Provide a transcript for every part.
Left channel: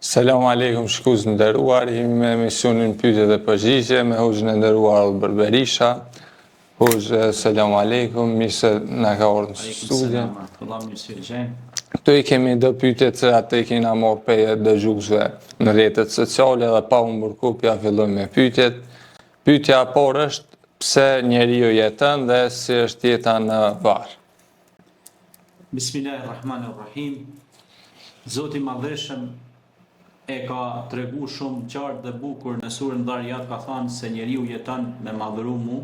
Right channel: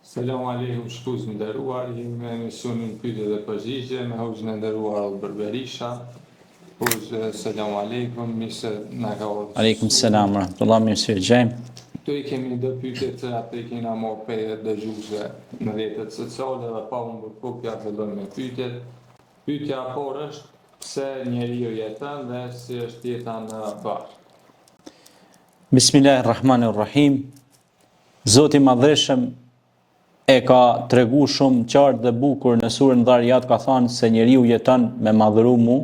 Selam aleikum, shikuz nderuar, jemi me emisionin pyetje dhe përgjigje me hoxhën e nderuar Albert Berisha. Hoxhë, selam aleikum, mirë se na ka ardhur në Aleikum studio. selam, rahmetullah, mirë se vjen. Këtu i kemi do pyetje që atë i kena marrë pe dëgjuesve në rrjetet sociale dhe pa humbur kohë, ja fillojmë me pyetjet. Pyetja e parë është pse njeriu jeton dhe si është jeta në varr. Bismillahirrahmanirrahim. Zoti i Madhëshëm e ka tregu shumë qartë dhe bukur në surën Dhariyat, ka thënë se njeriu jeton me madhëru mu,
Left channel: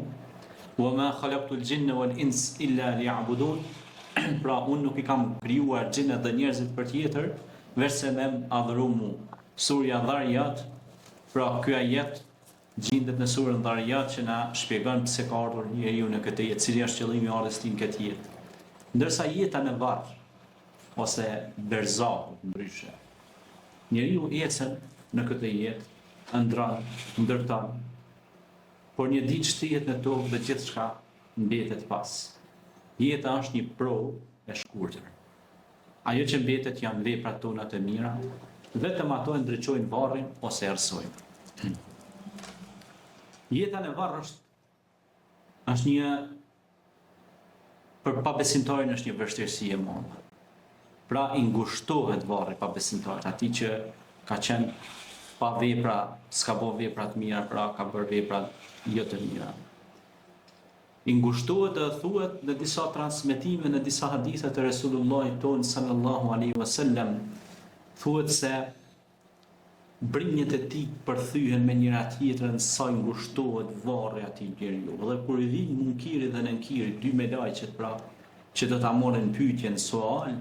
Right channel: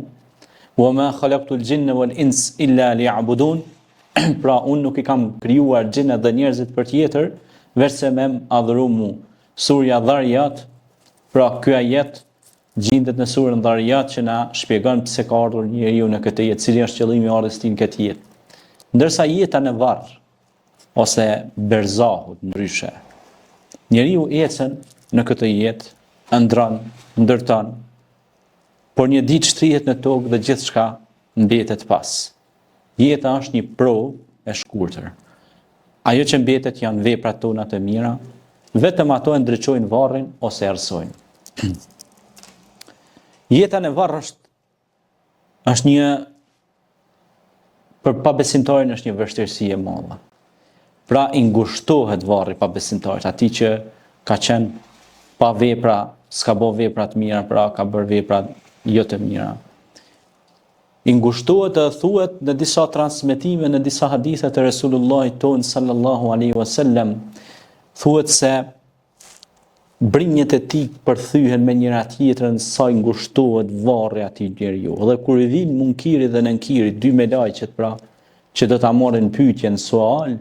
wa ma khalaqtul jinna wal ins illa liya'budun. Pra unë nuk i kam krijuar xhinat dhe njerëzit për tjetër, veçse me adhuru mu. Surja Dhariyat, pra ky ajet gjendet në surën Dhariyat që na shpjegon pse ka ardhur njeriu në këtë jetë, cili është qëllimi i ardhjes tij në këtë jetë. Ndërsa jeta në varr ose berzahu ndryshe, njeriu ecën në këtë jetë, ëndron, ndërton, por një ditë shtrihet në tokë dhe gjithçka mbetet pas. Jeta është një provë e shkurtër. Ajo që mbetet janë veprat tona të mira, vetëm ato e ndriçojnë varrin ose errësojnë. Jeta në varr është një, për pabesimtarin është një vështirësi e madhe. Pra i ngushtohet varri pabesimtarit, atij që ka qenë pa vepra, s'ka bë vepra të mira, pra ka bërë vepra jo të mira. I ngushtohet dhe thuhet në disa transmetime, në disa hadithe të Resulullahit ton sallallahu alaihi wasallam, thuhet se brinjët e tij përthyhen me njëra tjetrën sa i ngushtohet varri atij njeriu. Dhe kur i vin munkiri dhe nënkiri, dy melajqet pra, që do ta marrin pyetjen sual,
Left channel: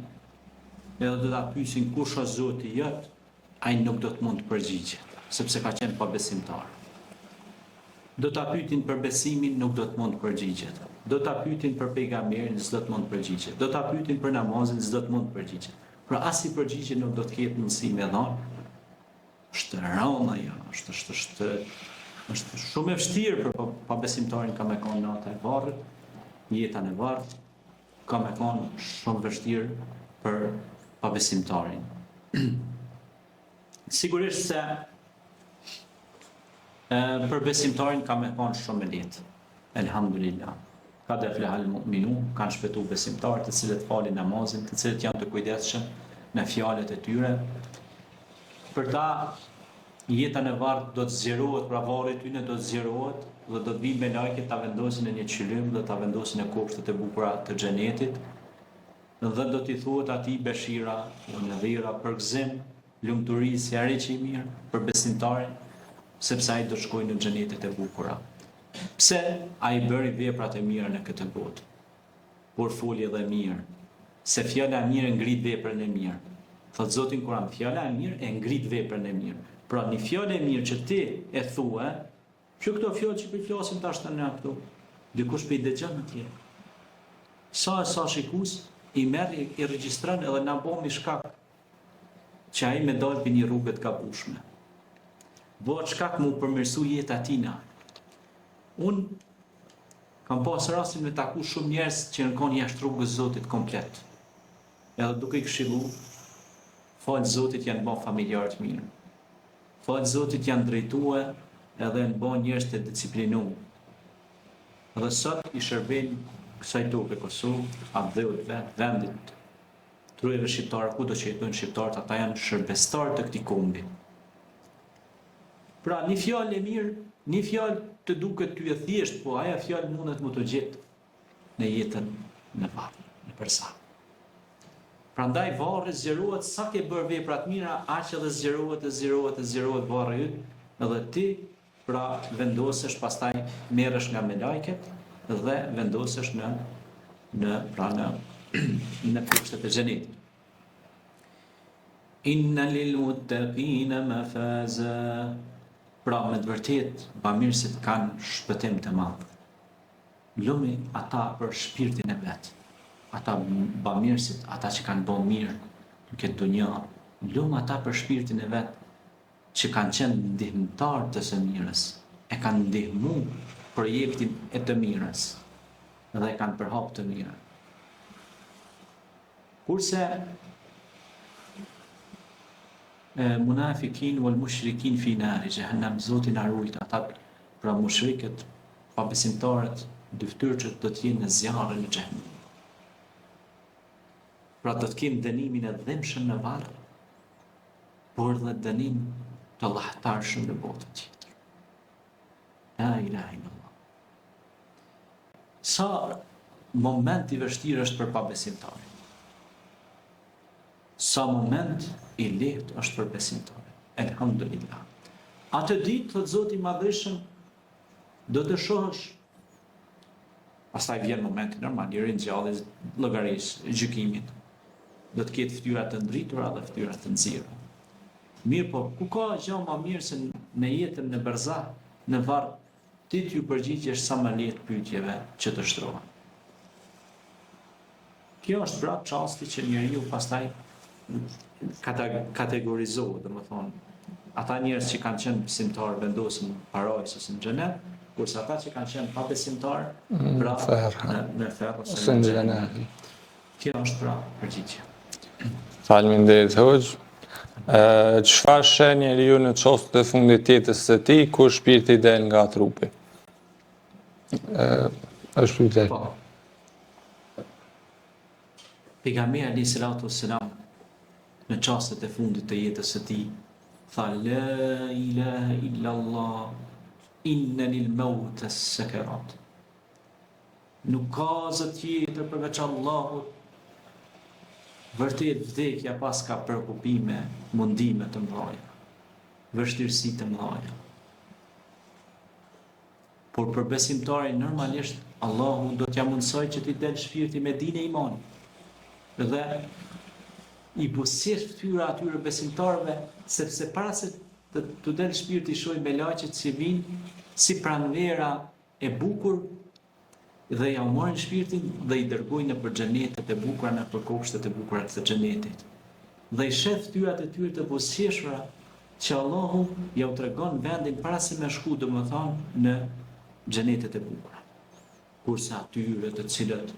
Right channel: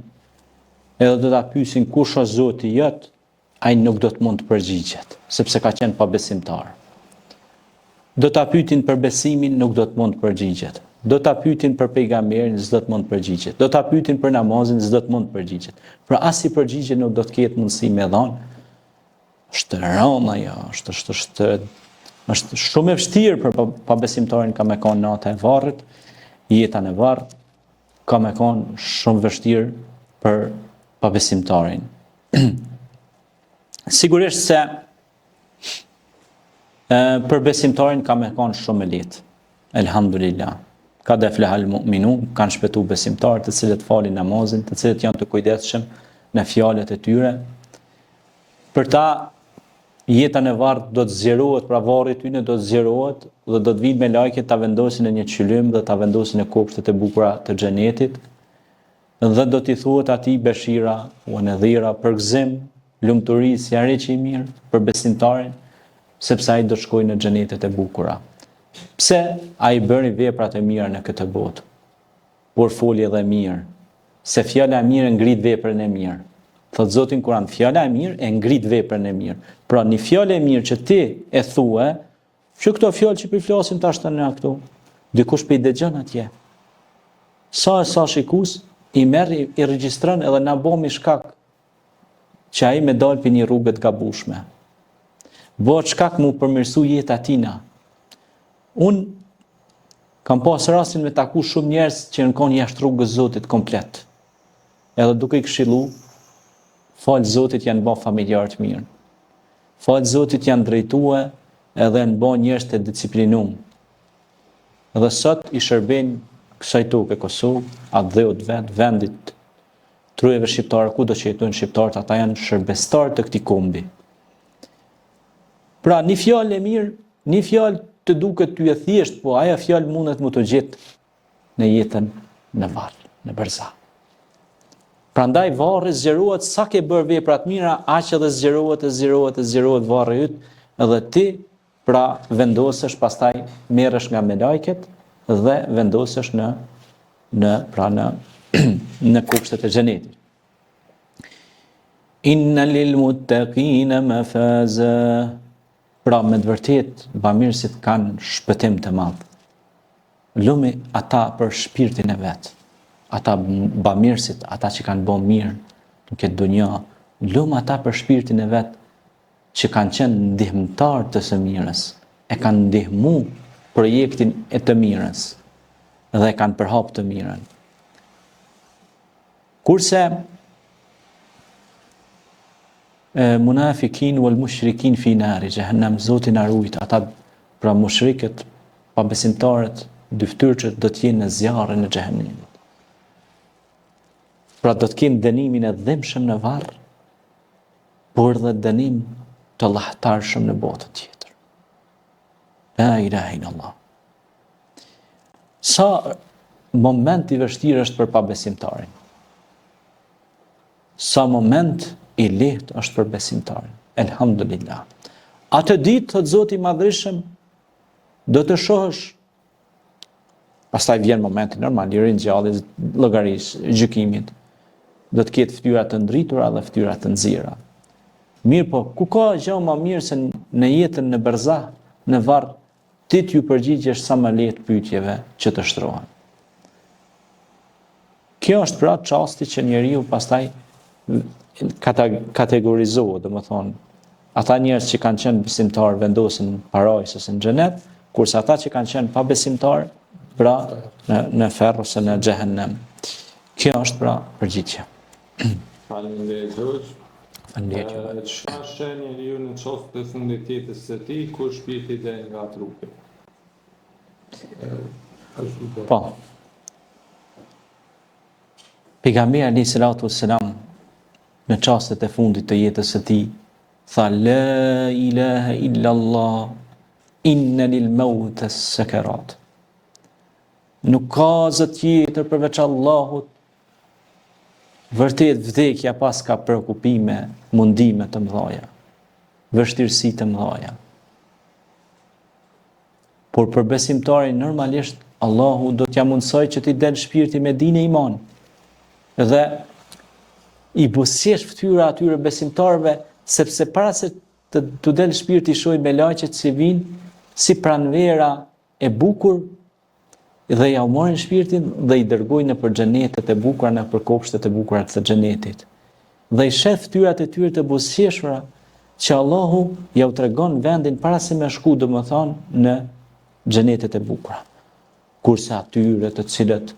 edhe do ta pyesin kush është Zoti jot, ai nuk do të mund të përgjigjet, sepse ka qenë pabesimtar. Do ta pyetin për besimin, nuk do të mund të përgjigjet. Do ta pyetin për pejgamberin, s'do të mund të përgjigjet. Do ta pyetin për namazin, s'do të mund të përgjigjet. Pra as i përgjigje nuk do të ketë mundësi me dhënë. Është rëndë ajo, është shumë e vështirë për pabesimtarin ka me kanë nata e varrit, jeta në varr ka me kanë shumë vështirë për pabesimtarin. Sigurisht se për besimtarin ka me kanë shumë e lehtë. Elhamdulillah. Ka dhe flehal mu'minun, kanë shpëtu besimtarët të cilët falin namazin, të cilët janë të kujdesshëm në fjalët e tyre. Për ta jeta në varr do të zgjerohet, pra varri tyne do të zgjerohet dhe do të vinë me lajket ta vendosin në një qylim dhe ta vendosin në kopshtet e bukura të xhenetit. Dhe do t'i thuhet atij beshira, u nadhira, përgëzim, lumturi, sjarri që i mirë për besimtarin, sepse ai do të shkojë në xhenetet e bukura. Pse ai bëri veprat e mira në këtë botë? Por foli edhe mirë, se fjala e mirë ngrit veprën e mirë. Thot Zoti në Kur'an, fjala e mirë e ngrit veprën e mirë. Pra një fjalë e mirë që ti e thue, që këto fjalë që i flasim tash tani këtu, dikush pe i dëgjon atje. Sa shikues i merr i regjistron edhe na bëmi shkak që ai me dal për një rrugë të gabueshme. Bëhet shkak mu përmirësu jeta tina. Unë kam pas rastin me taku shumë njerëz që në kanë jashtë rrugës Zotit komplet. Edhe duke i këshillu, falë Zotit janë bë familjar të mirë. Falë Zotit janë drejtue edhe në bë njerëz të disiplinuar. Dhe sot i shërbejnë kësaj toke Kosovë, atë dheut vendit trujeve shqiptarë, ku do që jetojnë shqiptarët, ata janë shërbestar të këtij kombi. Pra një fjalë e mirë, një fjalë të duket ty e thjesht, po aja fjalë mundet më të gjetë në jetën në varr, në berzah. Prandaj varri zgjerohet sa ke bërë vepra të mira, aq edhe zgjerohet varri yt, edhe ti pra vendosesh pastaj merresh nga me lajket dhe vendosesh në kopshtet e xhenetit. Inna lil muttaqina mafaza. Pra me të vërtet bamirësit kanë shpëtim të madh. Lumi ata për shpirtin e vet. Ata bamirësit, ata që kanë bën mirë në këtë dunja, lum ata për shpirtin e vet që kanë qenë ndihmëtar të së mirës, e kanë ndihmu projektin e të mirës dhe kanë përhap të mirën. Kurse munafikin wal mushrikin fi nari jahannam, Zoti na ruajt ata pra mushrikët, pa besimtarët, dyftyrçët do të jenë në zjarrin e xhehenemit. Pra do të kenë dënimin e dhimbshëm në varr, por dhe dënim të llahtarshëm në botën tjetër. La ilaha illallah. Sa moment i vështirë është për pabesimtarin. Sa moment i lehtë është për besimtarin. Elhamdulillah. Atë ditë, thot Zoti i Madhërisëm, do të shohësh, pastaj vjen momenti normal, i ringjalljes, llogarisë, gjykimit. Do të ketë fytyra të ndritura dhe fytyra të nxjera. Mirë po, ku ka gjë më mirë se në jetën në berzah, në varr, ti t'ju përgjigjesh sa më lehtë pyetjeve që të shtrohen. Kjo është pra çasti që njeriu pastaj kategorizohet, domethënë, ata njerëz që kanë qenë besimtar vendosen parajs ose në xhenet, kurse ata që kanë qenë pa besimtar, pra në ferr ose në xhehenem. Kjo është pra përgjigje. Faleminderit Hoxh. Çfarë sheh njeriu në çostet e fundit të jetës së tij kur shpirti del nga trupi? Është pyetje. Po. Pejgamberi alayhi salatu wassalam në çastet e fundit të jetës së tij tha la ilaha illa Allah, inna lil maut as-sakarat. Nuk ka zë tjetër përveç Allahut. Vërtet vdekja pas ka preokupime, mundime të mëdha, vështirësi të mëdha. Por për besimtarin normalisht Allahu do t'ja mundsoj që t'i del shpirti me dinë e iman. Dhe i buzëqesh fytyra atyre besimtarëve, sepse para se të del shpirti shoj me laqet që vinë si pranvera e bukur, dhe ja u morën shpirtin dhe i dërgojnë në për xhenetet e bukura, në për kopshtet e bukura të xhenetit. Dhe i sheh fytyrat e tyre të buzëqeshura që Allahu ja u tregon vendin para se me shku, domethënë në xhenetet e bukura. Kurse atyre të cilët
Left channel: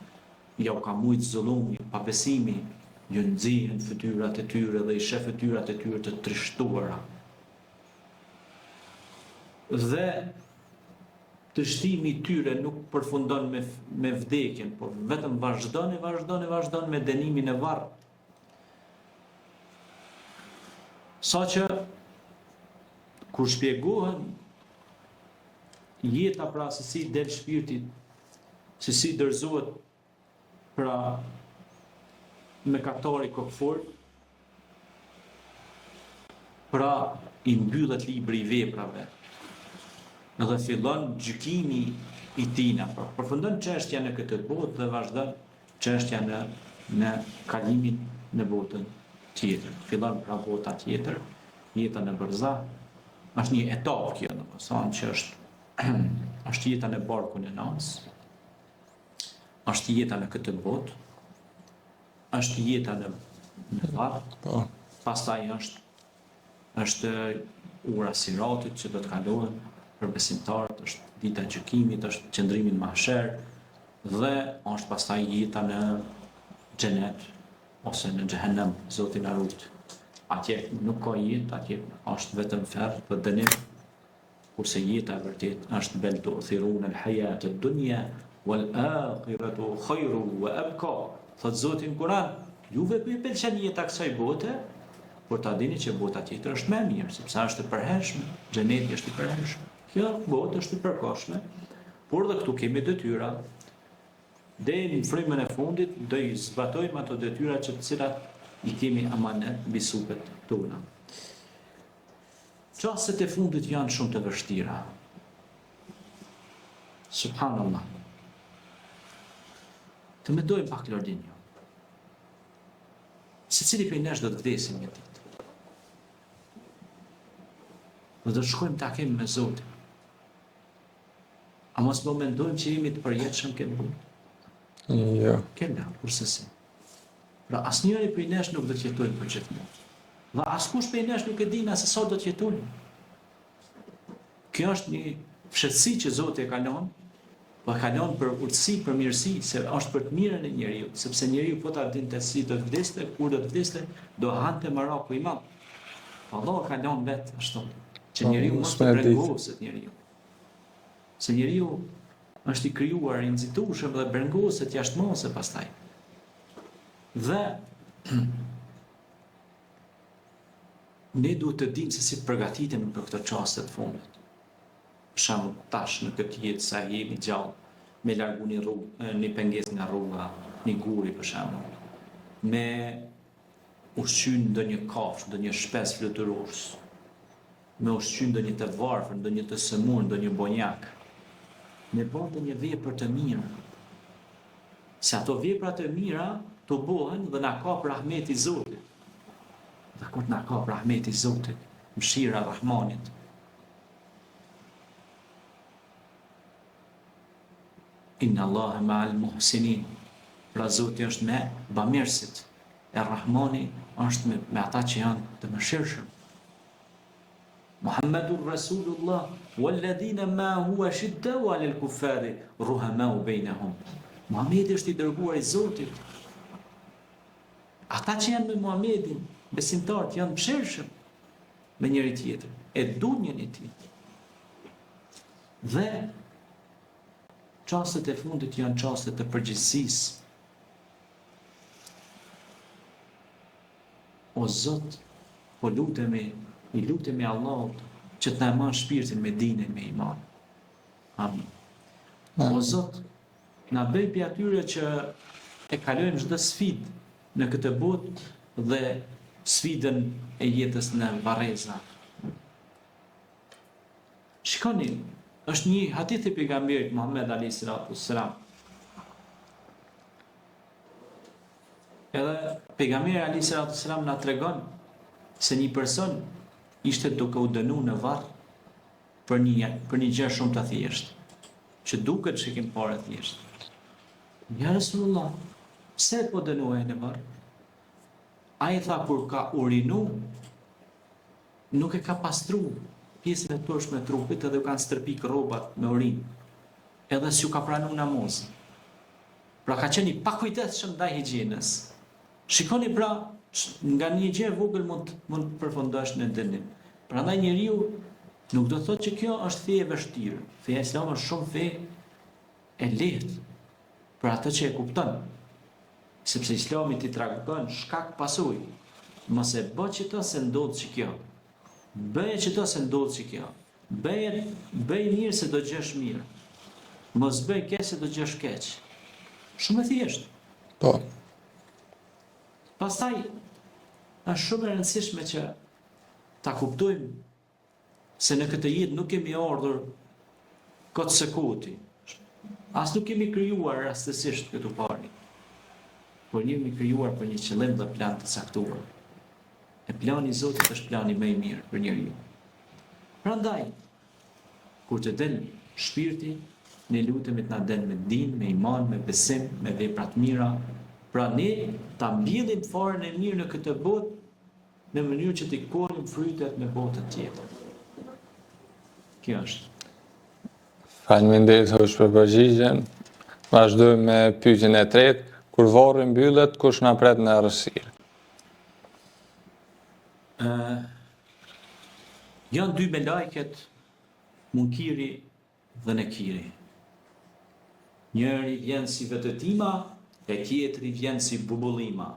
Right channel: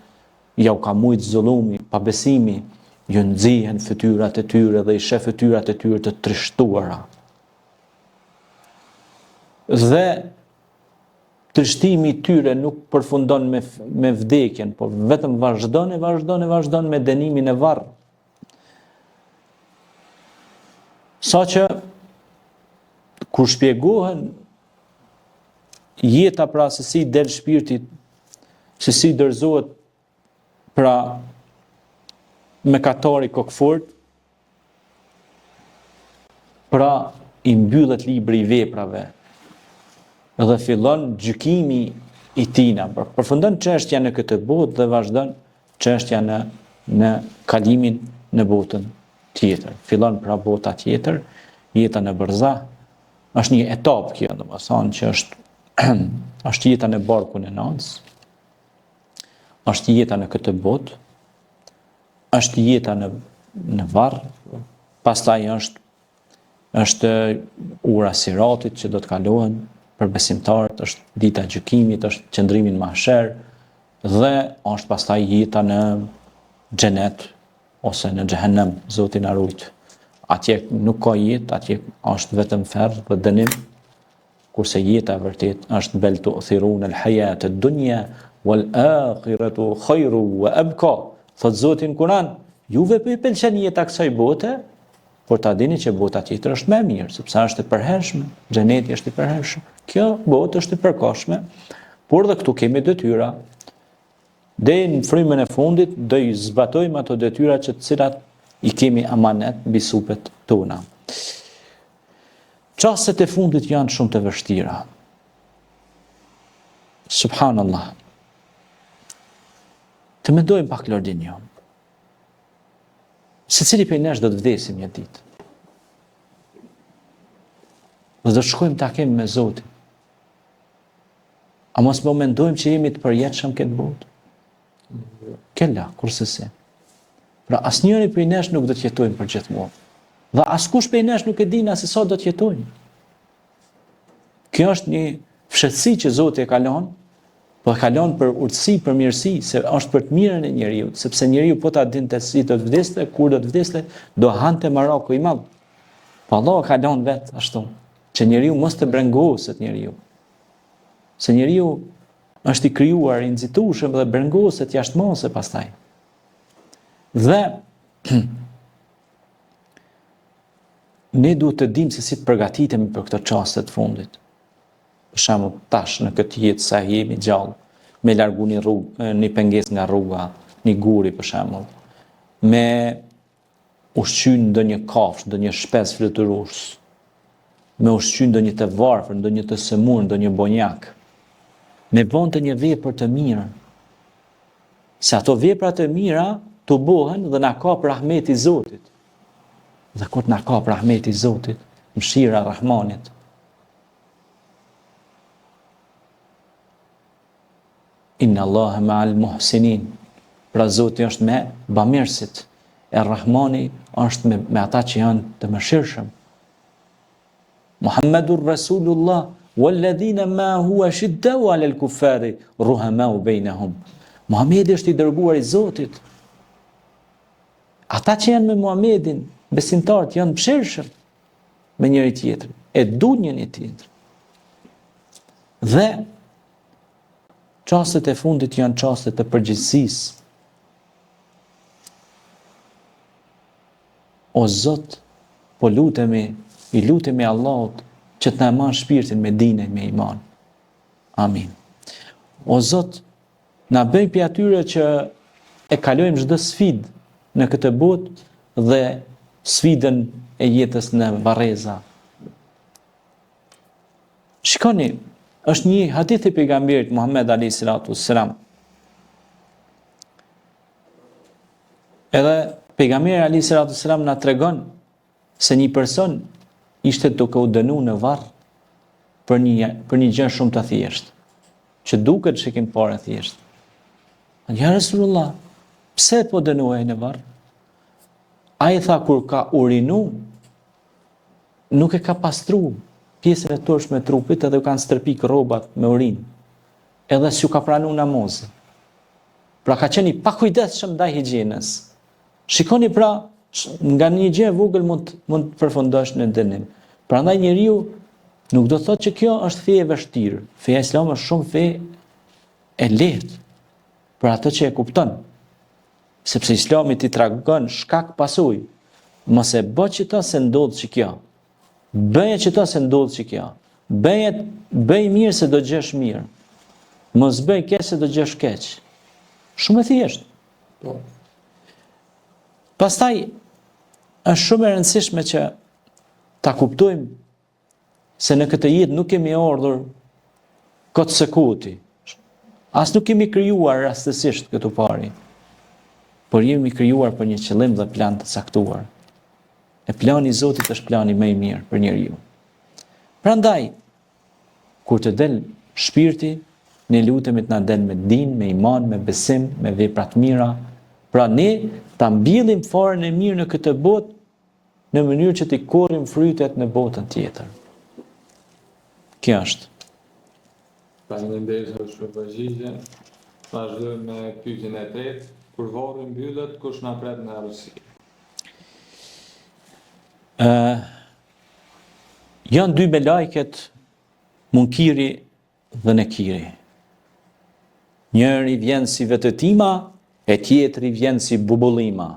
ja u ka mujt zullumi, pabesimi, ju nxihen fytyrat e tyre dhe i sheh fytyrat e tyre të trishtuara. Dhe trishtimi i tyre nuk përfundon me vdekjen, por vetëm vazhdon me dënimin e varr. Saqë kur shpjegohen jeta pra se si del shpirti, se si dorëzohet pra me katori kokfort, pra i mbyllet libri i veprave, dhe fillon gjykimi i tina. Përfundon çështja në këtë botë dhe vazhdon çështja në kalimin në botën tjetër. Fillon pra bota tjetër, jeta në berzah, është një etapë kjo, domethënë që është jeta në barkun e Nanës, është jeta në këtë botë, është jeta në varr, pastaj është ura siratit që do të kalohen për besimtarët, është dita e gjykimit, është qëndrimi në mahsher dhe është pastaj jeta në xhenet ose në xhehenem, Zoti na ruaj. Atje nuk ka jetë, atje është vetëm ferr dhe dënim, kurse jeta vërtet është bel tu'thirun al-hayat ad-dunya wal akhiratu khairu wa abqa. Thot Zoti në Kur'an, juve pëlqen jeta kësaj bote, por ta dini që bota tjetër është më e mirë, sepse është e përhershme, xheneti është i përhershëm. Kjo botë është e përkohshme, por dhe këtu kemi detyra. Deri në frymën e fundit do i zbatojmë ato detyra që të cilat i kemi amanet mbi supet tona. Çastet e fundit janë shumë të vështira. Subhanallah. Të mendojmë pak Lordin jon. Secili prej nesh do të vdesim një ditë. Dhe do të shkojmë takim me Zotin. A mos më mendojmë që jemi të përjetshëm këtë botë? Jo. Kella, kurse se. Pra asnjëri prej nesh nuk do të jetojmë për gjithmonë. Dhe askush prej nesh nuk e din se sa do të jetojmë. Kjo është një fshehtësi që Zoti e ka lënë, po e ka lënë për urtësi, për mirësi, se është për të mirën e njeriu, sepse njeriu po ta dinte si do të vdeste, kur do të vdeste, do hante Maroku i madh. Pa Allah ka lanë vetë ashtu, që njeriu mos të brengoset njeriu. Se njeriu është i krijuar, i nxitueshëm dhe brengoset jashtëmose pastaj. Dhe ne duhet të dimë se si të përgatitemi për këto çaste të fundit. Për shembull, tash në këtë jetë sa jemi gjallë, me largu një pengesë nga rruga, një guri për shembull, me ushqyn ndonjë kafshë, ndonjë shpesë fluturues, me ushqyn ndonjë të varfër, ndonjë të sëmur, ndonjë bonjak, me bënte një vepër të mirë. Se ato vepra të mira të bëhen dhe na kap rahmeti i Zotit. Dhe kur na kap rahmeti i Zotit, mëshira e Rahmanit, Inna Allahe ma'al muhsinin. Pra Zoti është me bamirësit. E Rahmani është me ata që janë të mëshirshëm. Muhammedur Rasulullah walladhina ma huwa shiddau 'alal kuffari ruhamau bainahum. Muhamedi është i dërguar i Zotit. Ata që janë me Muhamedin, besimtarët, janë mëshirshëm me njëri tjetrin, e duan njëri tjetrin. Dhe çastet e fundit janë çastet e përgjegjësisë. O Zot, po i lutemi Allahut që të na marrë shpirtin me dine, me iman. Amin. O Zot, na bëj prej atyre që e kalojmë çdo sfidë në këtë botë dhe sfidën e jetës në varreza. Shikoni, është një hadith i pejgamberit Muhammed alayhi salatu wassalam. Edhe pejgamberi alayhi salatu wassalam na tregon se një person ishte duke u dënuar në varr për një gjë shumë të thjeshtë, që duket që kemi parë thjesht. Ja Rasulullah, pse po dënohej në varr? Ai tha kur ka urinu, nuk e ka pastruar pjesën e turshme të trupit edhe u kanë stërpik rrobat me urinë. Edhe s'u ka pranuar namazin. Pra ka qenë i pakujdesshëm ndaj higjienës. Shikoni pra, nga një gjë e vogël mund të përfundosh në dënim. Prandaj njeriu nuk do thotë që kjo është fe e vështirë. Feja islame është shumë fe e lehtë për ato që e kupton. Sepse Islami ti tregon shkak pasojë. Mos e bë çito se ndodh që kjo. Bëje çito se ndodh që kjo. Bëj mirë se do gjesh mirë. Mos bëj keq se do gjesh keq. Shumë e thjeshtë. Po. Pastaj është shumë e rëndësishme që ta kuptojmë se në këtë jetë nuk kemi ardhur kot sekuti. As nuk kemi krijuar rastësisht këtu pari. Por jemi krijuar për një qëllim dhe plan të caktuar. E plani i Zotit është plani më i mirë për njeriu. Prandaj, kur të del shpirti, ne lutemi të na del me din, me iman, me besim, me vepra të mira. Pra ne ta mbjellim farën e mirë në këtë botë në mënyrë që t'i korrim frytet në botën tjetër. Kjo është. Faleminderit hoq për përgjigjen. Vazhdojmë me pyetjen e tretë. Kur varri mbyllet, kush na pret në errësirë? Janë dy melajket, Munkiri dhe Nekiri. Njëri vjen si vetëtima, e tjetri vjen si bubullima.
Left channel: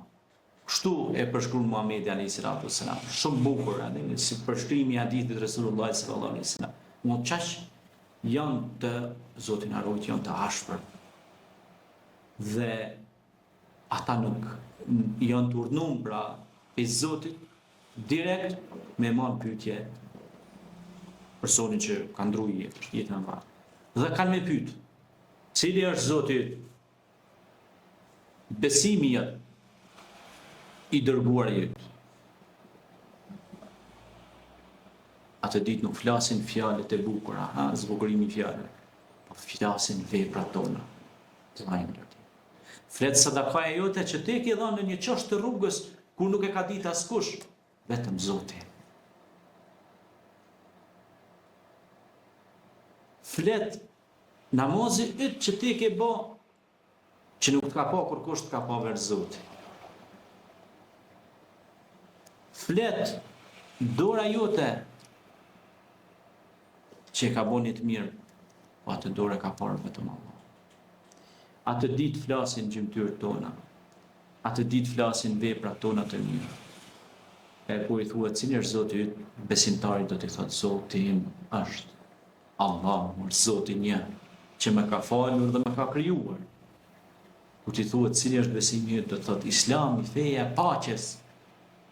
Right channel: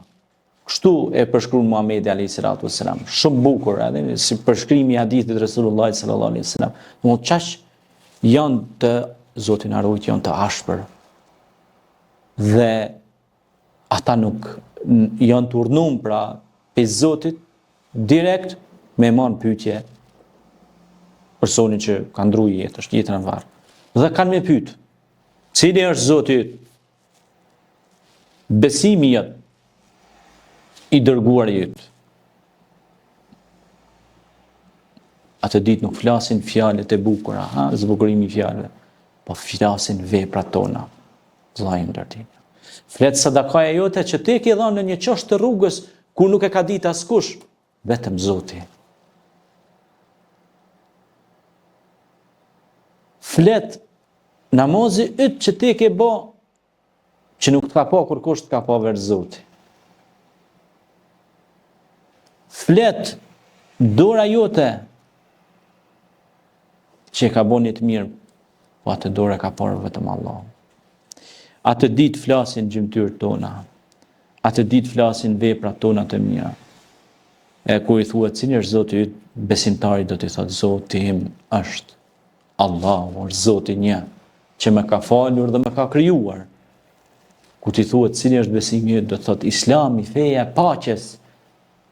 Kështu e përshkruan Muhamedi alayhi salatu wasalam. Shumë bukur, edhe si përshkrimi i hadithit Resulullah sallallahu alaihi wasallam. Domethënë çash janë të Zoti na ruaj, janë të ashpër. Dhe ata nuk janë të urdhnuar pra pe Zotit direkt me marrë pyetje personin që ka ndruar jetën në varr. Dhe kanë me pyet, cili është Zoti yt? Besimi jot i dërguar yt. Atë ditë nuk flasin fjalët e bukura, zbukurimi i fjalëve, po flasin veprat tona. Vllai ndërtim. Flet sadakaja jote që ti ke dhënë në një çoshtë të rrugës ku nuk e ka ditë askush, vetëm Zoti. Flet namazi yt që ti ke bë, që nuk të ka pa kurkush, të ka pa vetë Zoti. Flet dora jote që e ka boni të mirë, po atë dora ka parë vetëm Allah. Atë ditë flasin gjymtyrët tona, atë ditë flasin veprat tona të mira. E kur i thuhet cili është Zoti yt, besimtari do t'i thotë Zoti im është Allahu, është Zoti një që më ka falur dhe më ka krijuar. Kur t'i thuhet cili është besimi yt, do të thotë Islami, feja e paqes.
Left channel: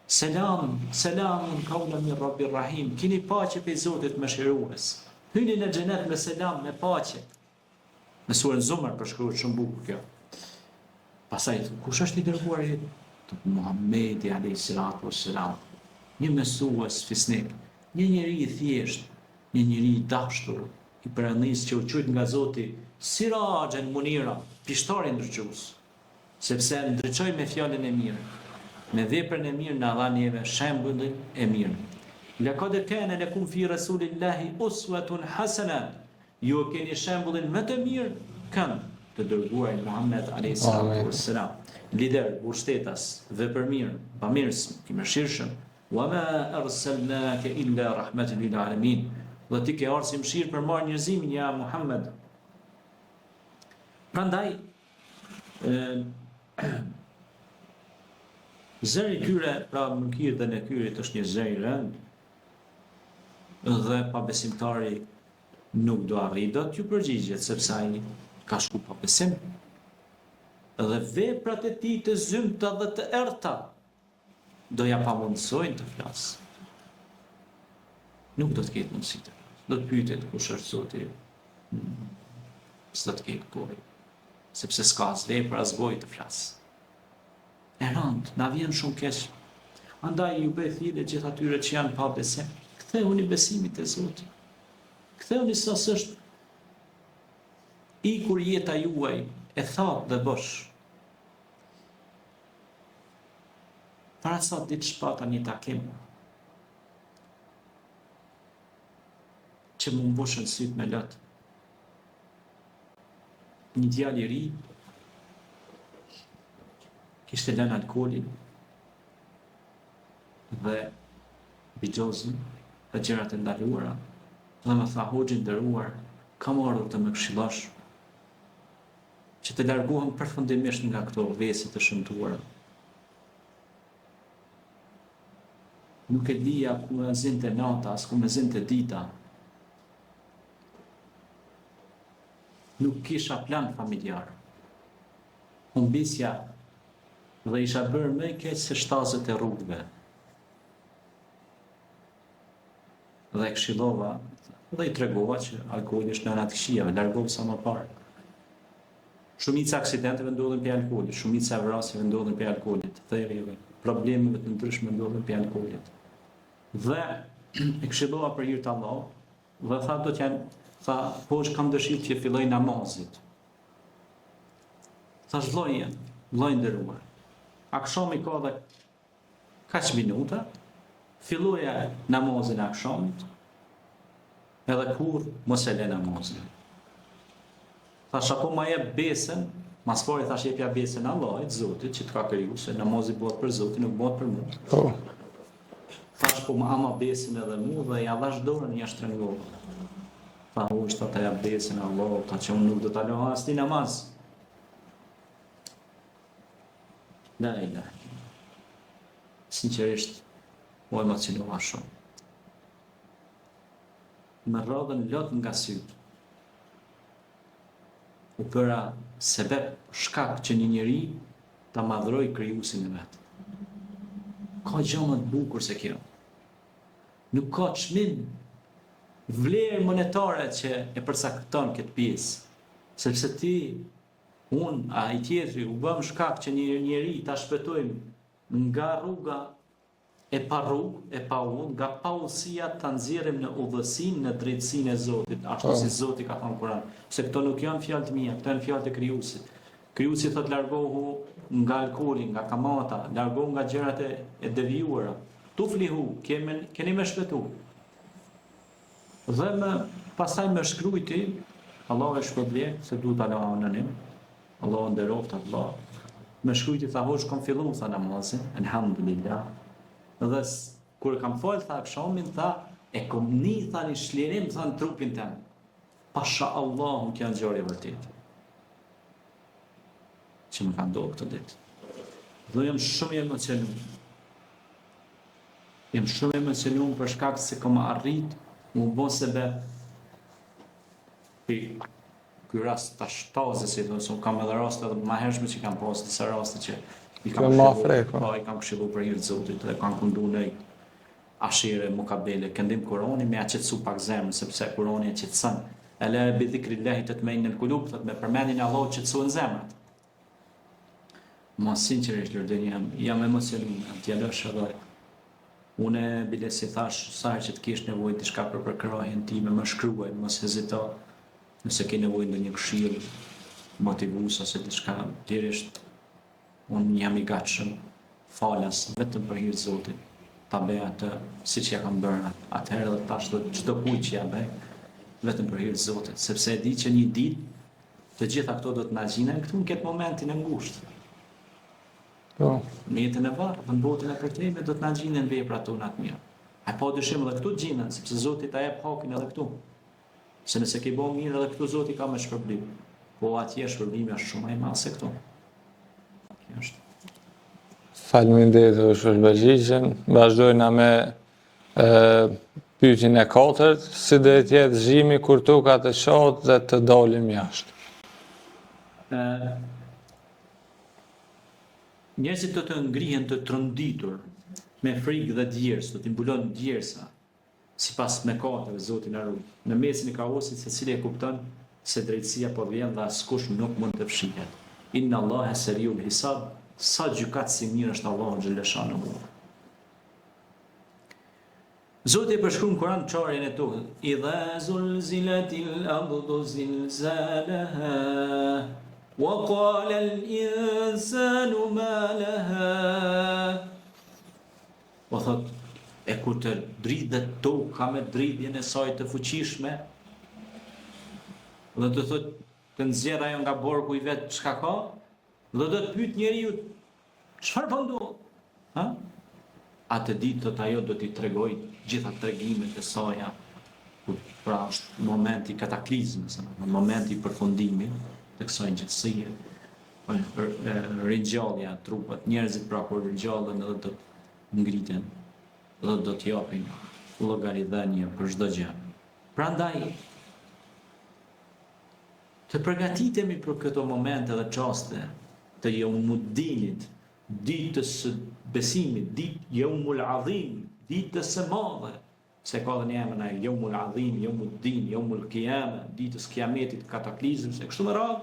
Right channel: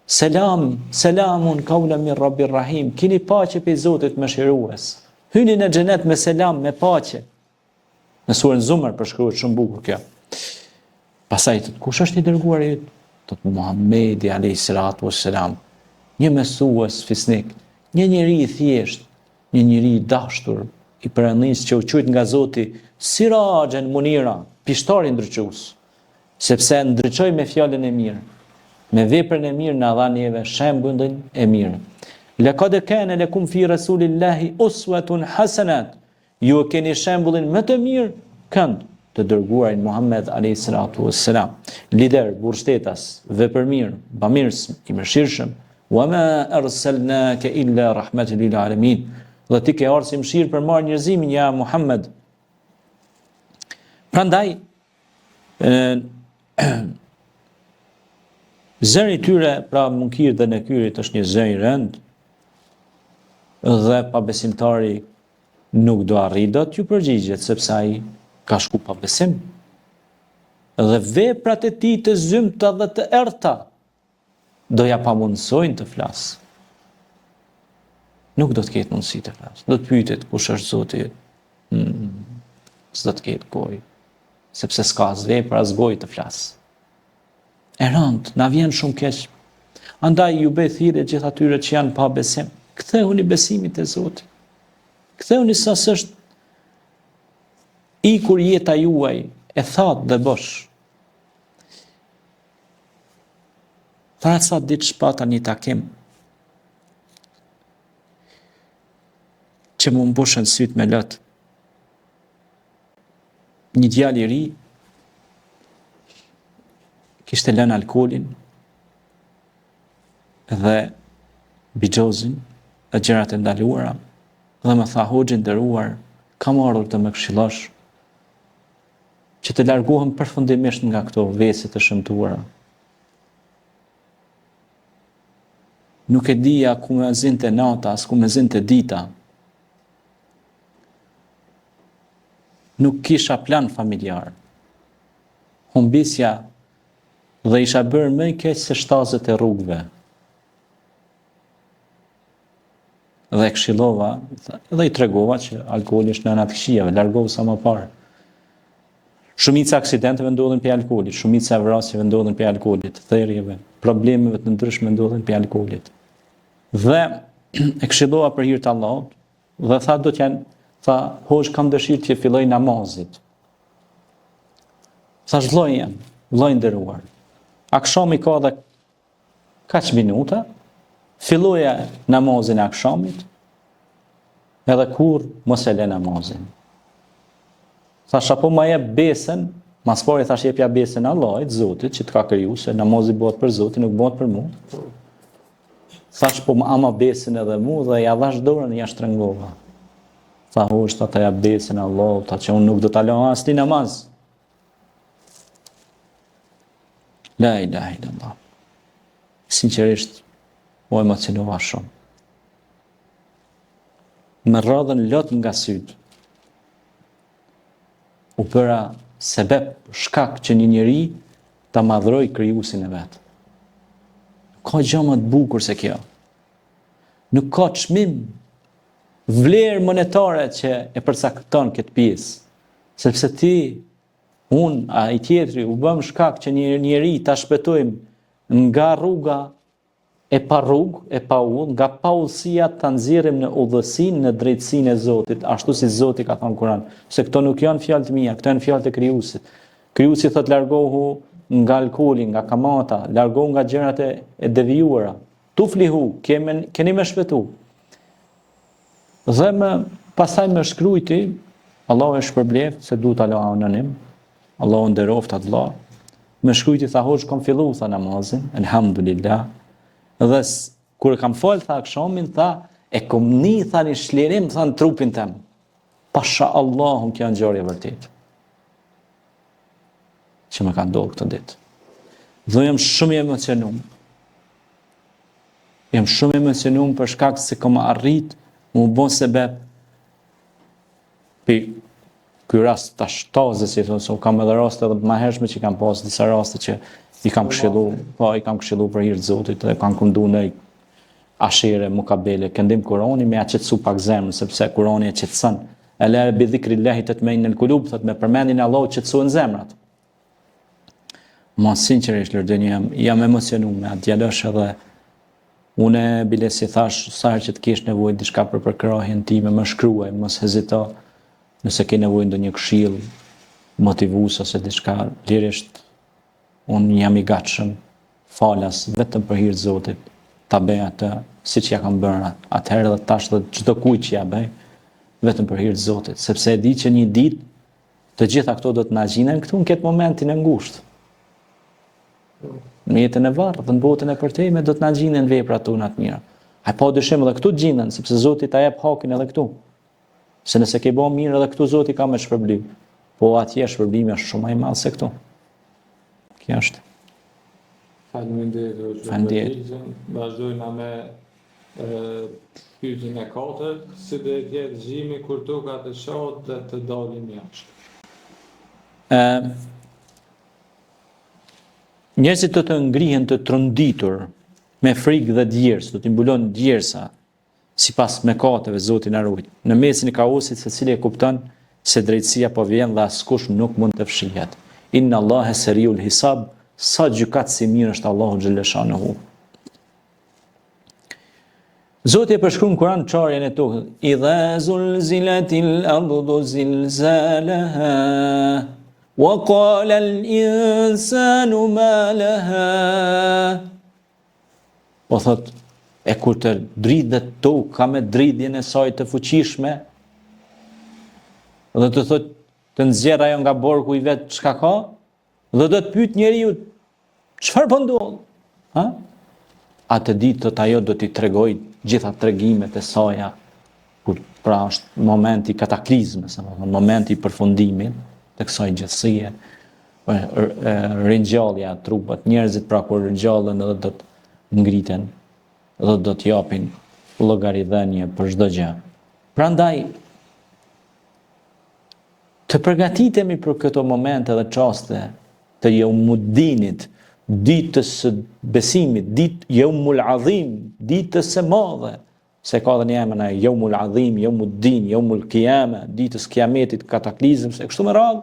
Selam, selamun qawlan min Rabbir Rahim. Kini paqe pe Zotit mëshirues. Hyni në xhenet me selam, me paqe. Në surën Zumar përshkruhet shumë bukur kjo. Pastaj kush është i dërguari yt? Tot Muhamedi alayhi salatu wassalam. Një mesues fisnik, një njeri i thjesht, një njeri i dashur, i pranisë që u quajt nga Zoti Sirajan Munira, pishtari ndriçues, sepse ndriçoi me fjalën e mirë, me veprën e mirë na dha neve shembullin e mirë. Laqad kana lakum fi rasulillahi uswatun hasanah. Ju keni shembullin më të mirë kënd të dërguarin Muhammed alayhi salatu wassalam. Lider, burrshtetas, vepërmirë, bamirës, i mëshirshëm. Wama arsalnaka illa rahmatan lil alamin. Dhe ti ke ardhur si mëshirë për marrë njerëzimin ja Muhammed. Prandaj zëri tyre, pra munkir dhe nekyrit është një zë i rënd, dhe pabesimtari nuk do arrijë dot t'ju përgjigjet, sepse ai ka shku pa besim. Dhe veprat e tij të zymta dhe të errta do ja pamundsojnë të flasë. Nuk do të ketë mundësi të flasë. Do të pyetet kush është Zoti. S'do të ketë gojë, sepse s'ka as vepër as gojë të flasë. E rënd, na vjen shumë keq. Andaj ju bëj thirrje gjithë atyre që janë pa besim. Kthehuni besimit te Zoti. Kthehuni sa s'është ikur jeta juaj e thatë dhe bosh. Tha sa ditë shpata një takim që më mbushën syt me lot. Një djalë i ri kishte lënë alkoolin dhe bixhozin e gjërat e ndaluara dhe më tha hoxhin nderuar, kam ardhur të më këshillosh që të largohem përfundimisht nga këto vese të shëmtuara. Nuk e dija ku me zinte nata, as ku me zinte dita. Nuk kisha plan familjar. Humbisja dhe isha bërë më keq se shtazet e rrugëve. Dhe këshillova, dhe i tregova që alkooli është nëna të këqijave, largohu sa më parë. Shumica aksidenteve ndodhen për alkoolit, shumica vrasjeve ndodhen për alkoolit, therrjeve, problemeve të ndryshme ndodhen për alkoolit. Dhe e këshillova për hir të Allahut, dhe tha do të janë, tha, hoxh kam dëshirë që filloj namazit. Thash vllai nderuar. Akşami ka dhe kaç minuta, filloja namazin e akşamit, edhe kur mos e lë namazin. Thash apo ma jep besën, mas pari thash jepja besën Allahit, Zotit, që të ka kriju, se namazi bëhet për Zotin, nuk bëhet për mua. Thash po ama besën edhe mu, dhe ja dhash dorën e ja shtrëngova. Tha hoxh, ta jap besën Allahut, ta që unë nuk do ta lë as ti namaz. La ilaha illallah. Sinqerisht, u emocionova shumë. Më rrodhën lot nga syt. U bëra sebeb, shkak që një njeri ta madhroj krijuesin e vet. Ka gjë më të bukur se kjo. Nuk ka çmim, vlerë monetare që e përcakton këtë pjesë, sepse ti, unë, a i tjetri, u bëm shkak që një njeri ta shpëtojmë nga rruga e pa rrugë, e pa udhë, nga pa udhësia ta nxjerrim në udhësinë, në drejtësinë e Zotit, ashtu si Zoti ka thënë Kur'an, se këto nuk janë fjalë të mia, këto janë fjalë të Krijuesit. Krijuesi thotë largohu nga alkooli, nga kamata, largohu nga gjërat e devijuara. Tuflihu, keni më shpëtu. Dhe pastaj më shkruajti, Allahu e shpërblet se duhet ta lë anonim. Allahu nderoft atë vëlla. Më shkruajti tha hoxh kam filluar tha namazin, elhamdulillah. Dhe Kur e kam fol tha akshamin, tha e kom ni tha një shlirim tha në trupin tem. Pasha Allahum kjo në gjorje vërtet. Që më ka ndodhur këtë ditë. Dhe jam shumë i emocionuar. Jam shumë i emocionuar për shkak se kam arrit më bon sebeb për ky rast tash tazë si thonë, so kam edhe raste edhe më hershme që kam pas disa raste që i kam këshilluar, po i kam këshilluar për hir të Zotit dhe kanë kundu në ashere, mukabele, këndim Kurani me aqetsu pak zemrën, sepse Kurani e qetson. Ala bi dhikrillahi tatma'innul qulub, thot me përmendjen e Allahut qetësohen zemrat. Ma sinqerisht Lërdëni jam emocionuar me atë djalosh edhe unë bile si thash sa herë që të kesh nevojë diçka për përkrahjen time, më shkruaj, mos hezito. Nëse ke nevojë ndonjë këshill motivues ose diçka, lirisht unë jam i gatshëm falas vetëm për hir të Zotit, ta bëj atë siç ja kam bërë atëherë dhe tash dhe çdo kujt që ja bëj, vetëm për hir të Zotit, sepse e di që një ditë të gjitha këto do të na gjinen këtu në këtë momentin e ngushtë. Në jetën e vartë dhe në botën e përtejme do të na gjinen veprat tona të mira. Ai pa dyshim edhe këtu gjinen, sepse Zoti ta jep hakin edhe këtu. Se nëse ke bën mirë edhe këtu Zoti ka me shpërblim. Po atje shpërblimi është shumë më i madh se këtu. Kjo është. Faleminderit për përgjigjen. Vazhdojna me pyetjen e katërt, si do të jetë zhimi kur toka të shohët dhe të dalim jashtë. Njerëzit do të ngrihen të tronditur me frikë dhe djersë, do t'i mbulon djersa, sipas mëkateve Zoti na ruaj. Në mesin e kaosit secili e kupton se drejtësia po vjen dhe askush nuk mund të fshihet. Inna Allaha seriul hisab, sa gjykat si mirë është Allahu xhaleshanuhu. Zoti e përshkruan në Kur'an çarjen e tokës. Idha zulzilatil ardu zilzalaha wa qala al-insanu ma laha. Po thot, e kur të dridhet toka me dridhjen e saj të fuqishme, dhe të thot të nxjerr ajo nga borku i vet çka ka, dhe do të pyet njeriu çfarë po ndodh? Ha? Atë ditë thot ajo do t'i tregoj gjitha tregimet e saja, kur pra është momenti i kataklizmës, momenti i përfundimit të kësaj gjësie, ringjallja e trupat, njerëzit pra kur ringjallen edhe do të ngriten dhe do të japin llogaridhënie për çdo gjë. Prandaj të përgatitemi për këto momente dhe çaste të Yaumud-Dinit, ditës së besimit, Yaumul Azim, ditës së madhe, se ka dhe një emër ai Yaumul Azim, Yaumud-Din, Yaumul Qiyama, ditës kiametit, kataklizëm, se kështu me radhë,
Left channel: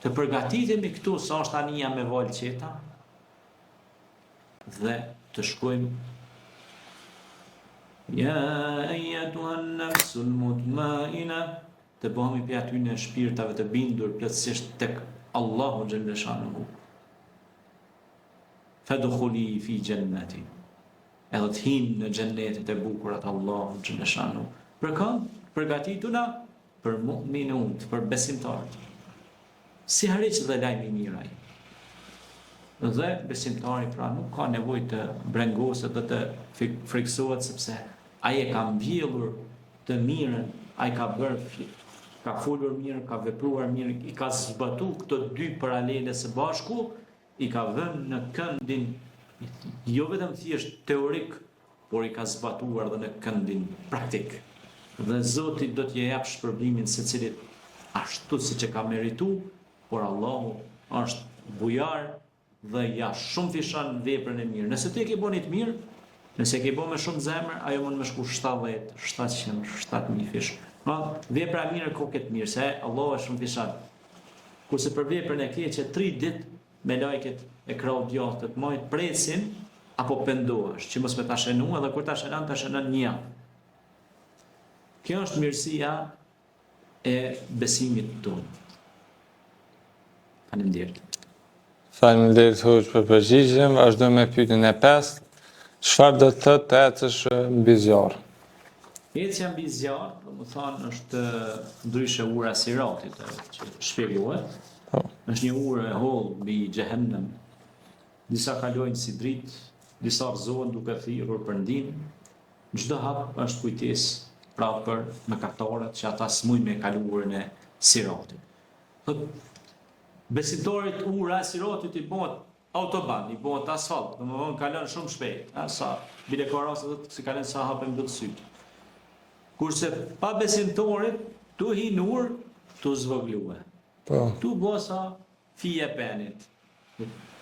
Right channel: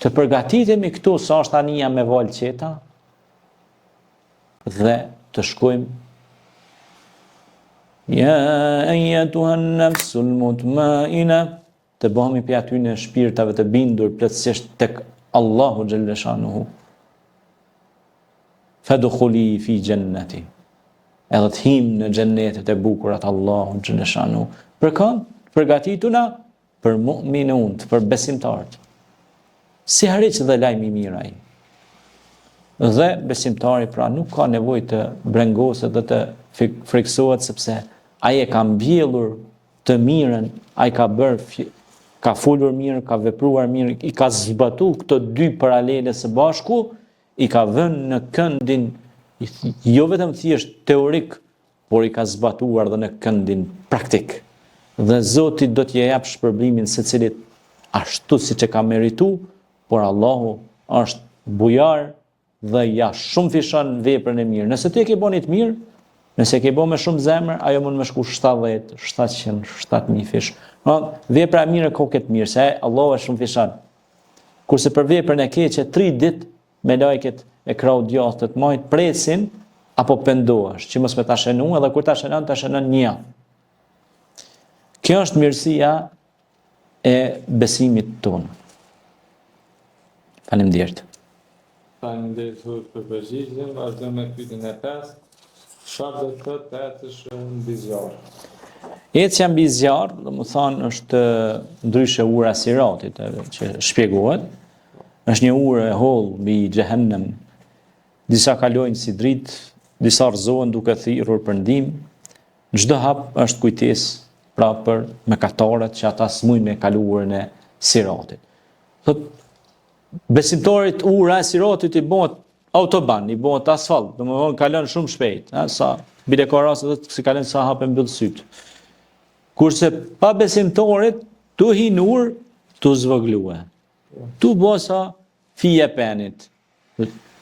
të përgatitemi këtu sa është anija me val qeta dhe të shkojmë ja ayyatuhan nafsul mutmaina, të bëhemi për aty në shpirtave të bindur plotësisht tek Allahu xhaleshanuhu. Fadkhuli fi jannati. Edhe të him në xhennetet e bukura të Allahu xhaleshanuhu. Për kë? Përgatituna për mu'minun, për besimtarët. Si harriç dhe lajmi i mirë ai. Dhe besimtari pra nuk ka nevojë të brengoset dhe të friksohet, sepse ai e ka mbjellur të mirën, ai ka folur mirë, ka vepruar mirë, i ka zbatuar këto dy paralele së bashku, i ka vënë në këndin jo vetëm thjesht teorik, por i ka zbatuar dhe në këndin praktik. Dhe Zoti do t'ia jap shpërblimin secilit ashtu siç e ka merituar, por Allahu është bujar dhe ja shumë fishon veprën e mirë. Nëse ti e ke bënë të mirë, nëse ke bënë me shumë zemër, ajo mund më shku 70, 700, 7000 fish. Vepra e mirë ka këtë mirë, se Allahu është shumë fishon. Kurse për veprën e keqe 3 ditë me lajket e krau djathtë të majt presin apo pendohesh, që mos me ta shënu, edhe kur ta shënon një. Kjo është mirësia e besimit tonë. Faleminderit. Faleminderit Hoxh për përgjigjen. Vazhdojmë me pyetjen e 5. Çfarë do të thotë të ecësh mbi zjarr? Ecja mbi zjarr, domethënë është ndryshe ura e Siratit, që shpjegohet. Është një urë e hollë mbi xhehenem. Disa kalojnë si dritë, disa rëzohen duke thirrur për ndihmë. Çdo hap është kujtesë pra për mëkatarët që ata s'mujnë me kaluarën e siratit. Thot besimtarit ura e siratit i bëhet autoban, i bëhet asfalt, domethënë kalon shumë shpejt, sa bile ka raste se kalon sa hapë mbyll syt. Kurse pa besimtarit tu hinur, tu zvogluar. Po. Tu bosa fije penit.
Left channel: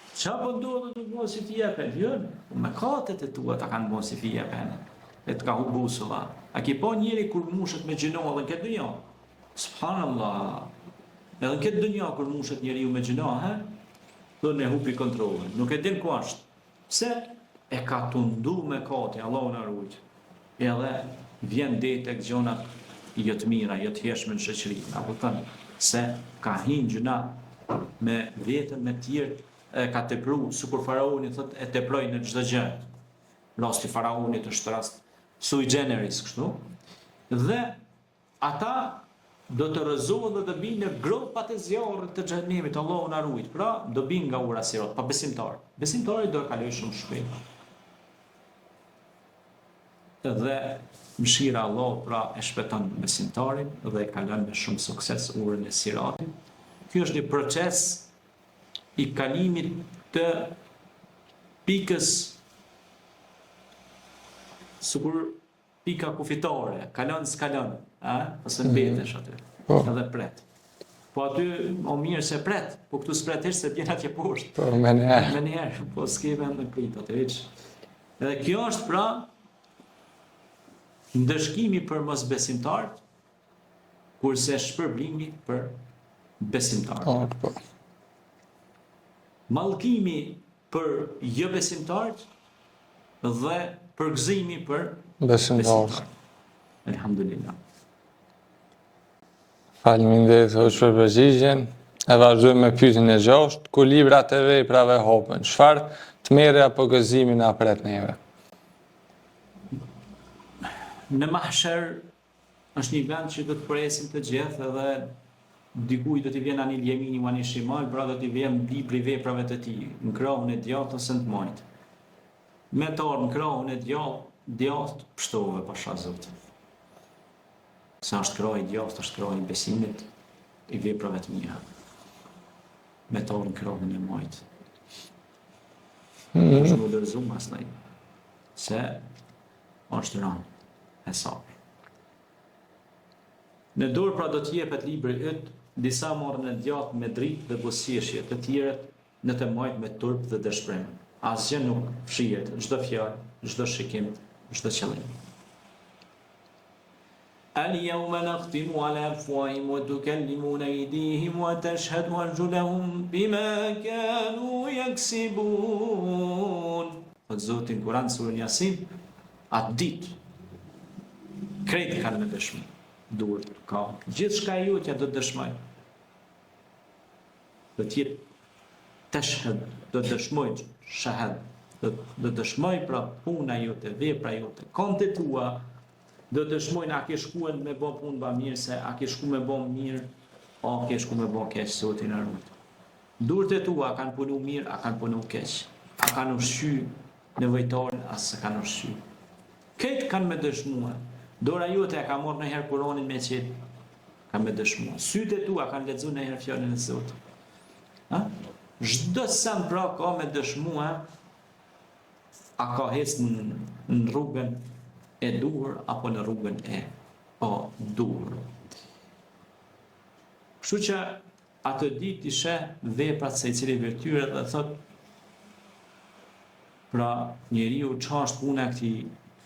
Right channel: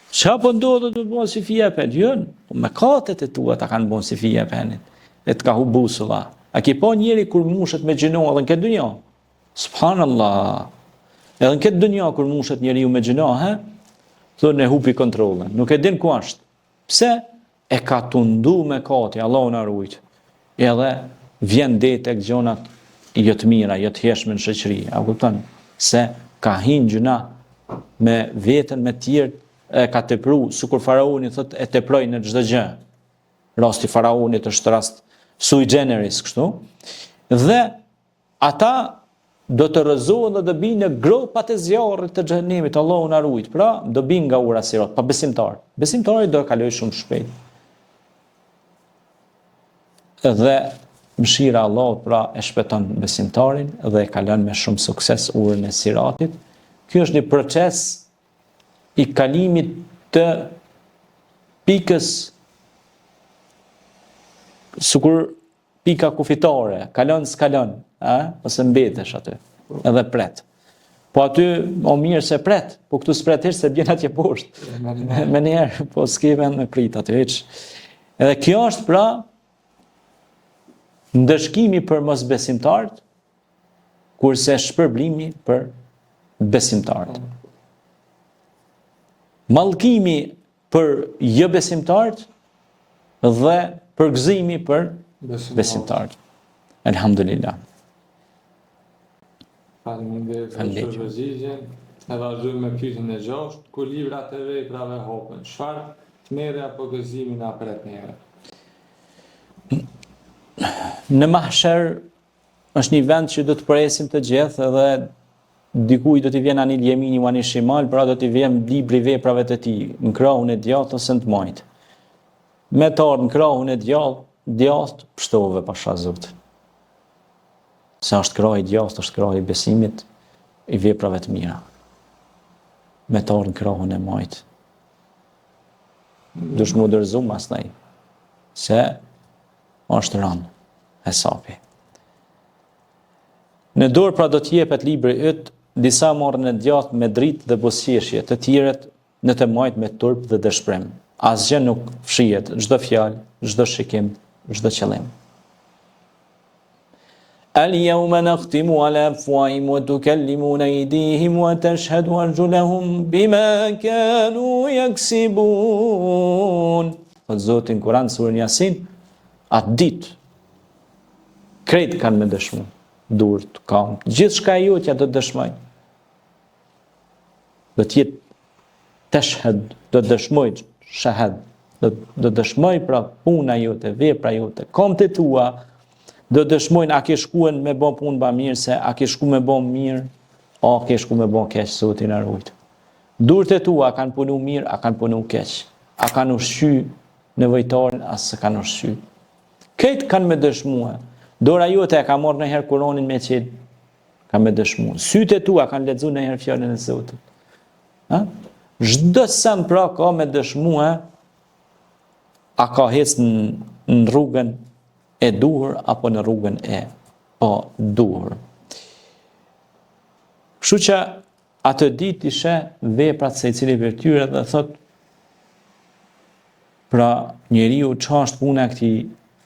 Qa po ndodhë të bënë si fije penit? Jën, me katet e tua ta kanë bënë si fije penit. E të ka hu busëva. A ki po njeri kur mushet me gjinoa edhe në këtë dunja? Subhanallah. Edhe në këtë dunja kur mushet njeri ju me gjinoa, thonë e hupi kontrolën. Nuk e din ku ashtë. Pse? E ka tundu me kati, Allah në arrujt. Edhe vjen dhe tek gjonat jëtë mira, jëtë heshme në shëqëri. A kupton? Se ka hinë gjuna me vetën, me tjerë, e ka tepru, sikur faraoni thot e teproj në çdo gjë. Rasti faraonit është rast sui generis, kështu. Dhe ata do të rrëzohen dhe do binë në gropat e zjarrit të xhenemit, Allahu na ruajt. Pra, do binë nga ura sirat, pa besimtar. Besimtari do e kaloj shumë shpejt. Dhe mëshira e Allahut pra e shpëton besimtarin dhe e kalon me shumë sukses urën e siratit. Ky është një proces i kalimit të pikës sikur pika kufitore, kalon s'kalon, ose mbetesh aty, edhe pret. Po aty o mirë se pret, po këtu s'pretesh se bjen atje poshtë. Po, me njerë. Po s'ke vend me prit aty hiç. Edhe kjo është pra ndëshkimi për mosbesimtarët, kurse shpërblimi për besimtarët. Po. Mallkimi për jo besimtarët dhe përgëzimi për besimtarët. Elhamdulillah. Faleminderit për përgjigjen. E vazhdojmë me pyetjen e 6. Ku librat e veprave hopen, çfarë tmerrja apo gëzimi na pret neve? Në mahsher është një vend që do të presim të gjithë edhe dikuj do t'i vjen anil jemini u anil shimal, pra do t'i vjen libri veprave të tij, në krahun e djathtë ose në të majtë. Me të ardhur në krahun e djathtë, pështove pasha Zot. Sa është krahi i djathtë, është krahi i besimit, i veprave të mira. Me të ardhur në krahun e majtë. Dush më dërzum asnjë. Se është rënë hesapi. Në dorë pra do t'jepet libri yt, disa marrën e djathtë me dritë dhe bosqeshje, të tjerët në të majtë me turp dhe dëshpërim. Asgjë nuk fshihet, çdo fjalë, çdo shikim, çdo qëllim. Al-yawma nakhtimu ala afwahihim wa tukallimuna aydihim wa tashhadu arjuluhum bima kanu yaksibun. Po Zoti në Kur'an surën Yasin, atë ditë krejt kanë me dëshmu. Durt, kam, gjithë shka e jotja do të dëshmoj. Do t'jetë tashhad, do të dëshmoj, shahad, do dëshmoj pra puna jote, vepra jote, komtë tua, do dëshmojnë a ke shkuen me bon punë ba mirë, se a ke shku me bon mirë, a ke shku me bon keq, Zoti na ruaj. Durët e tua a kanë punu mirë, a kanë punu keq, a kanë ushqy nevojtarin, as se kanë ushqy. Këtë kanë me dëshmua. Dora jote e ka marrë nëherë Kur'anin me qenë, ka me dëshmu. Sytë e tua kanë lexuar nëherë fjalën e Zotit. Çdo sen pra ka me dëshmu, a ka ecë në rrugën e duhur apo në rrugën e pa duhur. Kështu që atë ditë ishe veprat se i cili për tyre dhe thot, pra njeriu çfarë është puna e këtij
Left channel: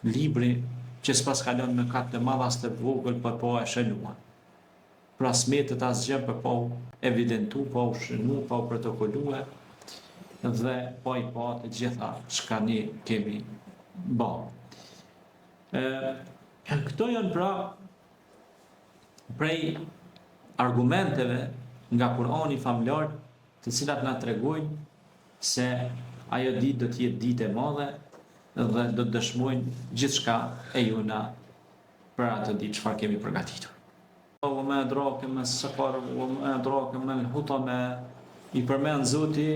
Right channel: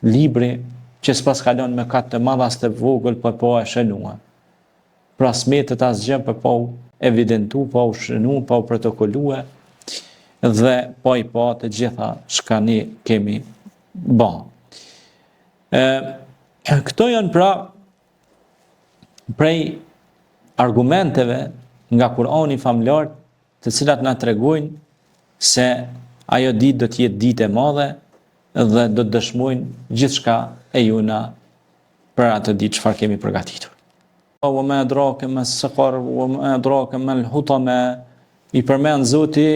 libri, që s'pas kalon me katë të madha as të vogël, po e shënua. Pra smetet asgjë, po evidentu, po u shënu, po u protokolue, dhe po i pa të gjitha çka ne kemi bë. Këto janë pra prej argumenteve nga Kur'ani famlar, të cilat na tregojnë se ajo ditë do të jetë ditë e madhe dhe do të dëshmojnë gjithçka e juna për atë ditë çfarë kemi përgatitur. Wa ma adraka ma as-saqar wa ma adraka ma al-hutama, i përmend Zoti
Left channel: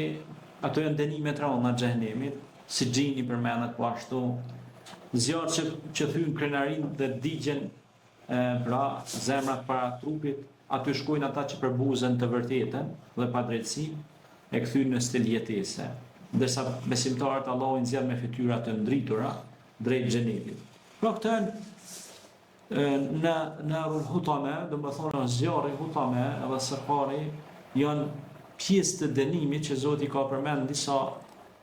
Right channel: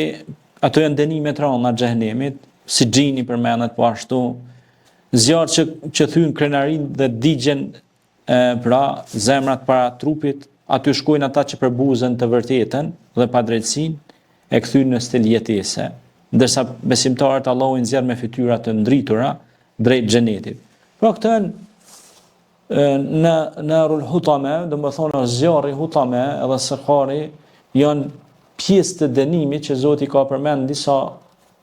ato janë dënimet rënda të xhenemit, si xhini përmendet po ashtu, zjarë që thyn krenarin dhe digjen pra zemrat para trupit, aty shkojnë ata që përbuzen të vërtetën dhe padrejtësinë e kthyn në stil jetese, ndërsa besimtarët Allahu i nxjerr me fytyra të ndritura drejt xhenetit. Pra këtë në rul hutame, do më thonë zjarri hutame edhe sëkari janë pjesë të dënimit që Zoti ka përmend në disa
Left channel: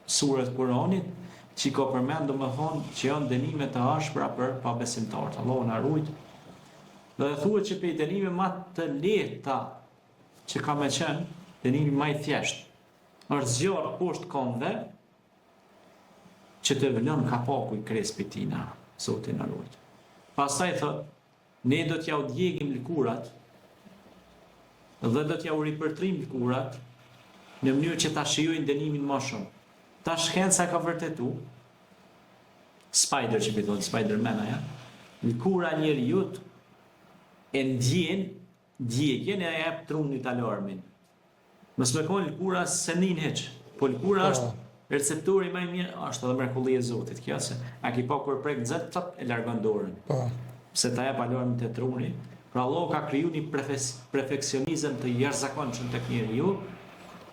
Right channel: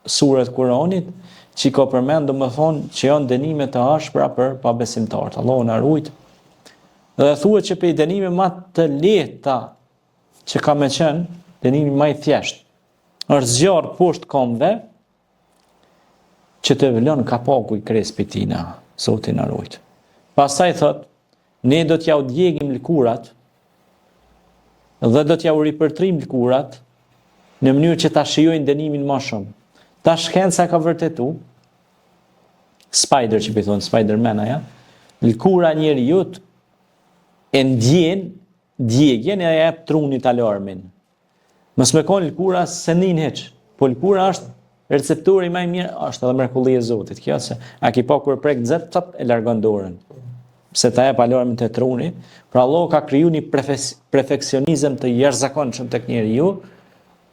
suret Kuranit, që ka përmend do më thonë që janë dënime të ashpra për pabesimtarët. Allahu na ruaj. Dhe thuhet që për dënime më të lehta që ka me qenë, dënimi më i thjeshtë, është zjarr poshtë këmbëve që të vëlon kapaku i krespit tina, Zoti na ruaj. Pastaj thot, ne do t'ja u djegim lëkurat dhe do t'ja u ripërtrim lëkurat në mënyrë që ta shijojnë dënimin më shumë. Ta shkenca ka vërtetu, Spider që thonë Spider-Man aja, lëkura njeriut e ndjen djegjen e jep trunit alarmin. Mos me kon lëkura se nin hiç, po lëkura është receptori më i mirë, është edhe mrekullia e Zotit. Kjo se a ki pa kur prek nxet çap e largon dorën. Pse ta jep alarmin te truni, pra Allah ka kriju një perfeksionizëm të jashtëzakonshëm tek njeriu,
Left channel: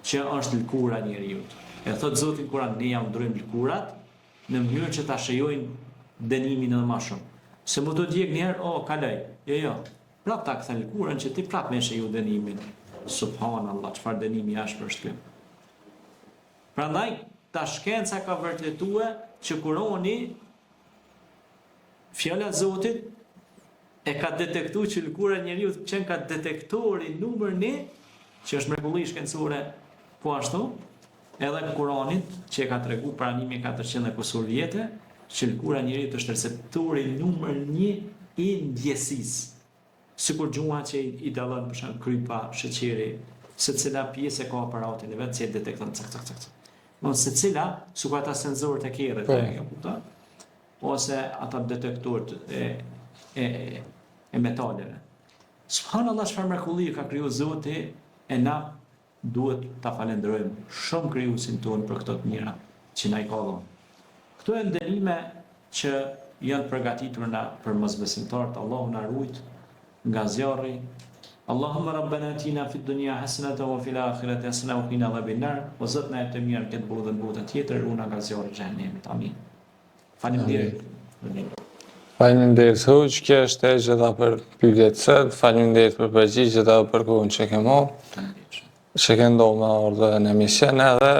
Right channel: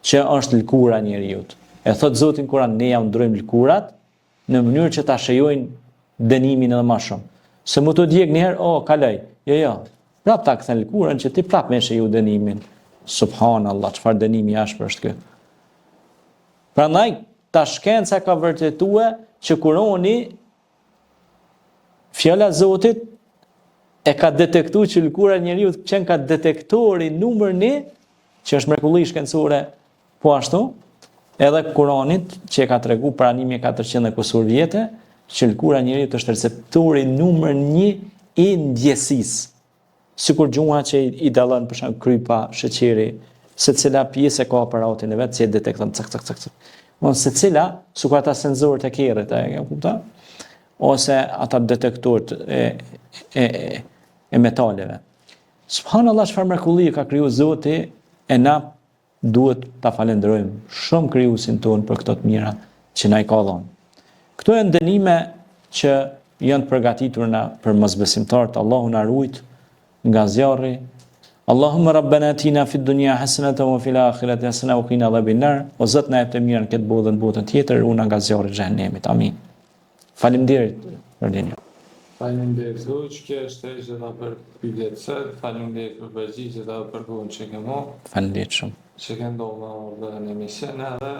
që është lëkura njeriu. E thot Zoti në Kur'an, ne jam ndrojmë lëkurat në mënyrë që ta shijojnë dënimin edhe më shumë. Se mu të djeg një herë, kaloj. Jo. Prap ta kthen lëkurën që ti prap me shiju dënimin. Subhanallahu, çfarë dënimi ashpër është ky. Prandaj ta shkenca ka vërtetuar që Kurani, fjala e Zotit, e ka detektuar që lëkura e njeriu qenë ka detektori numër 1, që është mrekulli shkencore po ashtu, edhe Kuranit që e ka tregu para 1400 kusur vjete, që lëkura e njeriu është receptori numër 1 i ndjesisë. Sikur gjuha që i dallon për shemb krypa, sheqeri, secila pjesë ka aparatin e vet që e detekton cak. Secila, sikur ata senzorët e kerrit, e kupton? Ose ata detektorët e metaleve. Subhanallahu, çfarë mrekullie ka kriju Zoti, e na duhet ta falenderojmë shumë krijuesin ton për këto të mira që na i ka dhënë. Këto janë dënime që janë përgatitur për mosbesimtarët. Allahu na ruaj nga zjarri. Allahumma rabbana atina fid dunya hasanatan wa fil akhirati hasanatan wa qina adhaban nar. O Zot na jep të mirën këtë botë dhe në botën tjetër, ruana nga zjarri i xhenemit. Amin. Faleminderit për dinjë. Faleminderit hoq, kjo është e gjitha për pyetjet sot. Faleminderit për përgjigjet edhe për kohën që ke marrë. Faleminderit shumë. Që ke ndonë në ardhe në emision edhe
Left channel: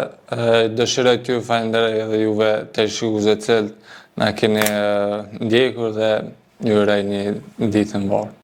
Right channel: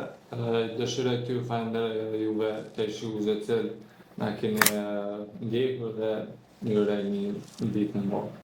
dëshiroj t'ju falenderoj edhe juve të shikuesve të cilët na keni ndjekur dhe ju uroj një ditë të mbarë.